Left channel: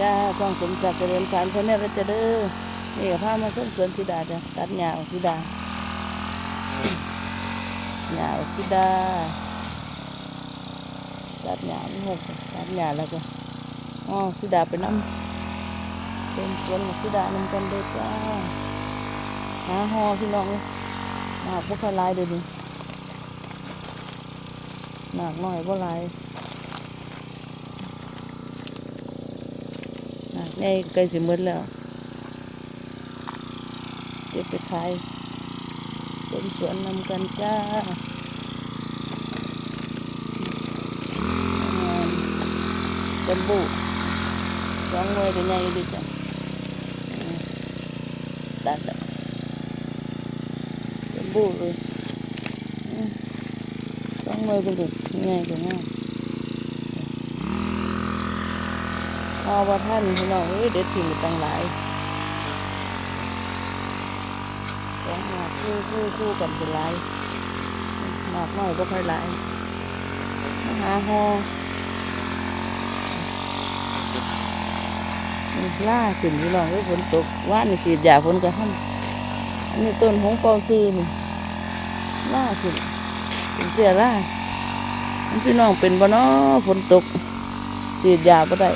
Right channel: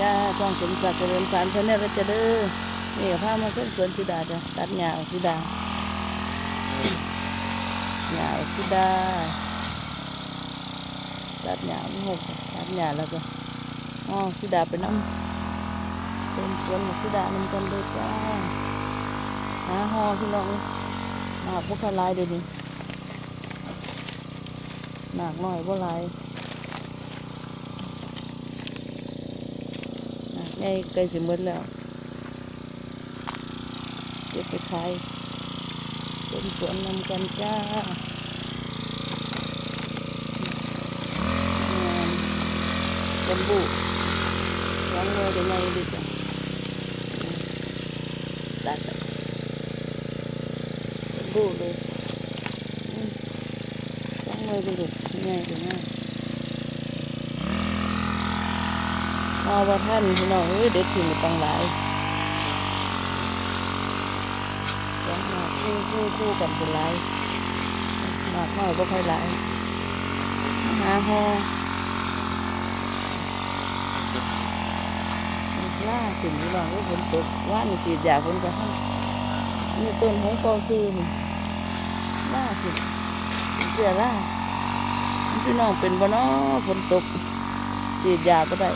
จ้าช่องสมศักดิ์เจริญสารชาแนลแล้วจะเด้อนี่กับพามาส้มสวนธิดาจ้ะตัดหญ้าออกธิดาหญ้าออกธิดาตัดหญ้าไม่หกตัดหญ้าแล้วก็อ๋อธิดาไปน้ำเป็นสวนของธิดานำกันเลยจ้าหาหอพี่น้องหนักพวกทลายเดี๋ยวนี้หนักหน่อยพว่าลาย อะนี่ใกล้สิหมดแล้วเก็บไปขายเป็นสวนนำกันจ้าจัมบุสองมือจะใหญ่ดีจ้ะตัดจัมบุเลยสองมือเป็นลูกง่ายกว่าง่าย พ อว่าท่านพี่น้องเอ้ยเด็ดถิ่นตั้งหลายสองหมากคู่คู่คู่กันเป็นหลายหมากน้อยบ่ค่อยหลายมาหาหอมันล่าขึ้นพี่น้องเอ้ยฝนตกว่านี่สีดยาฝนกระหั่นอันนี้ต้นหงกอซื้อนี่ล่าขึ้นเป็นเสียล่าพี่น้องเป็นบ่นาะฝนตกสีดยาบ่ได้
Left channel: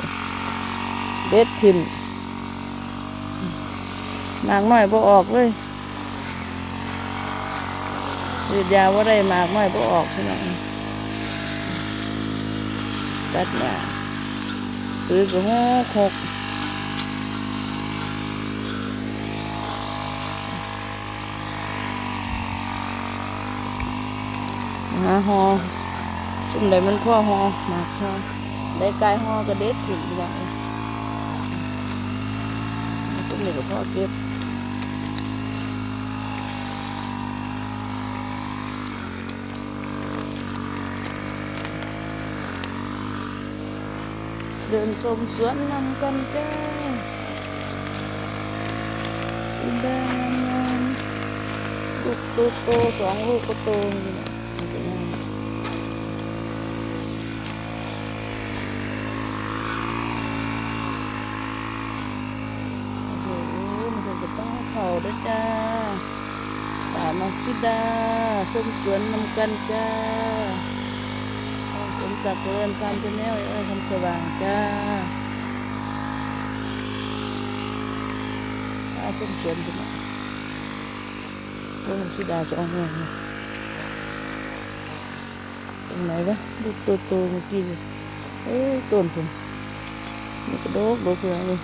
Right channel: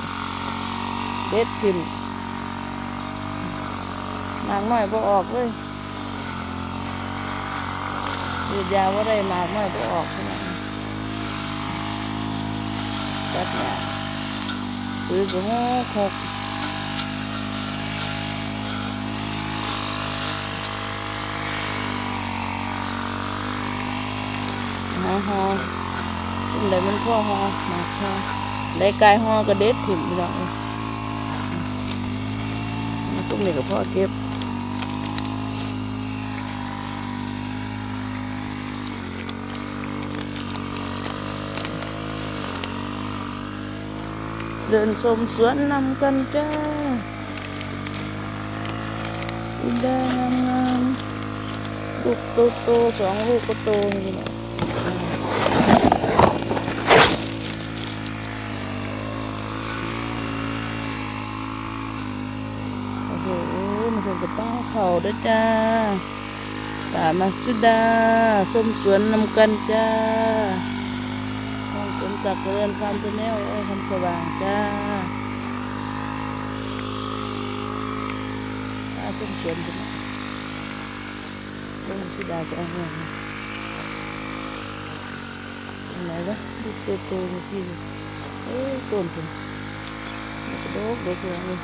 เด็ดทิมหมากน้อยพอออกเลยวีดยาว่าได้หมากน้อยพอออกพี่น้องตัดเนี่ยตีก็หกหกหาหอซึ่งใดมันพ่อหอหมากชอได้กายหอก็เด็ดถิ่มพี่น้องเอ้ย cũng này của พ่อเก็บเดินชมสวนนำกันจ้าสีแดงงามลูกโตโตๆสองลูกก็โตนี่นะโอ้โหมันคงจะต้อง เขาด้วยจ้าสามัสุดาส้มสวนนำกันจ้าสมศักดิ์เจริญฟาร์มชาแนลเอ้ยคำสว่างจ้าป้าส้มสวนเป็นไงเรื่องสุดาสองหัวตรงไหนวะลูกโตๆเมื่อกี้เลยเอ้ยต้นผมนี่กระโดดเลยทีนี้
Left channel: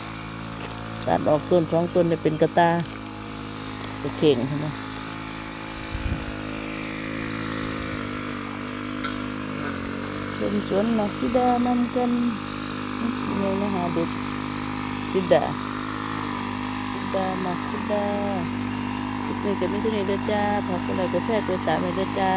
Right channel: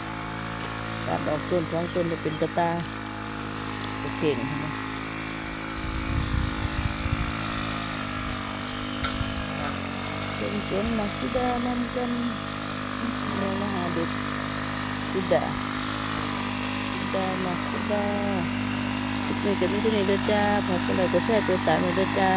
ตัดออกต้นสองต้นจะเป็นกระตา ไปเข่งใช่ไหมเป็นสวนะสิดานั่นกันเนี่ยนะฮะเด็กสิดาสิดามาสิดาทุกนี้จะมีที่นี่ด้วยจ้าพอกกดไลค์กดแช่กดติดตามให้ด้วยจ้า